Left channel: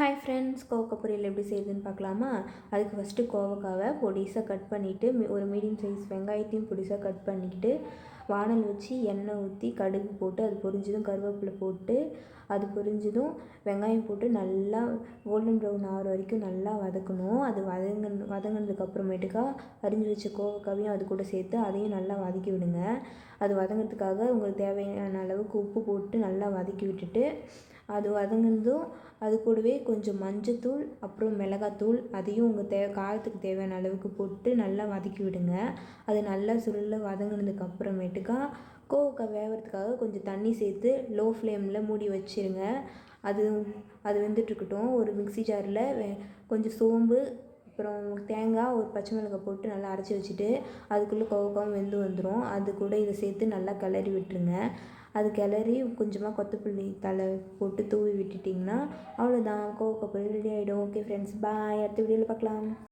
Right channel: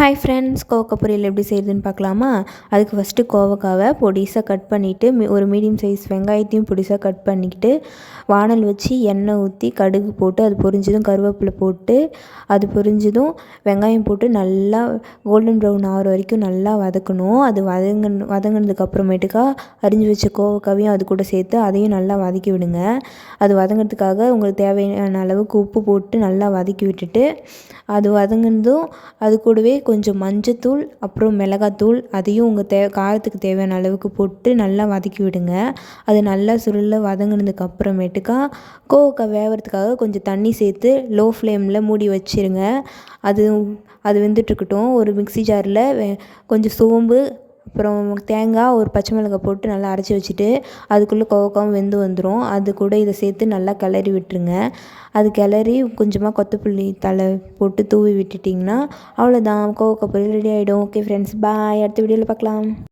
Hi friends, கோவக்காய் பொரியல் எப்படி செய்யுதுன்னு பார்க்கலாமா? அதுக்கு ஃபஸ்ட்டு கோவக்காவை பொடிசாக கட் பண்ணிவிட்டு ஒரு மீடியம் சைஸ் வெங்காயத்தையும் பொடிசாக கட் பண்ணிக்கிட்டு வானல் வச்சு எண்ணெய் ஊற்றி கடுகு போட்டு அது பொரிஞ்சதும் கருவேப்பிலை போட்டு அது பொரிஞ்சதும் வெங்காயம் போட்டு நல்லா கோல்டன் ப்ரௌன் ஆகிற வரைக்கும் நல்லா வதக்கணும். அது வதங்கினதுக்கு அப்புறமேட்டுக்கா அரிஞ்சு வச்ச கோவக்காவையும் அது கூட சேர்த்து அதையும் நல்லா வதக்கி விடுங்க. அது வதங்கிறதுக்காக உங்களுக்கு தேவையான அளவுக்கு உப்பு போட்டு நல்லா வதக்கி விட்டுட்டு அது வதங்கினதும் அது கூடவே கொஞ்சம் மஞ்சத்தூள் அப்புறம் மிளகாத்தூள் அதையும் உங்கள் காரத்துக்கு தேவையான அளவுக்கு போட்டு நல்லா வதக்கி விடுங்க. அது நல்லா சுருள வதங்கினதுக்கு அப்புறமேட்டுக்கா கோவக்காய் வேகிறதுக்காக கொஞ்சம் தண்ணி சேர்த்து லோ ஃப்ளேமில் மூடி வச்சுருங்க. அது அது வெந்துட்டுருக்கட்டும். ஒரு மிக்ஸி ஜாரில் கொஞ்சம் சோம்பு அப்புறம் தேங்காய் ஒரு பச்சை மிளகாய் போட்டு நல்லா அரைச்சி வச்சுட்டு அதுக்குள்ளே கோவக்காவும் வெந்து வந்துடும். அது கூட இதை சேர்த்து நல்லா கிளறி விட்டுருங்க. அது கிளறி கொஞ்சமாக கொத்தமல்லி தழை போட்டு தூவி விட்டுட்டிங்கன்னா அவ்வளோதான், கோவக்காய் பொரியல் ரெடி ஆகிடும். ஓகே ஃப்ரெண்ட்ஸ், பாய். அடுத்த வீடியோவில் பார்க்கலாம்.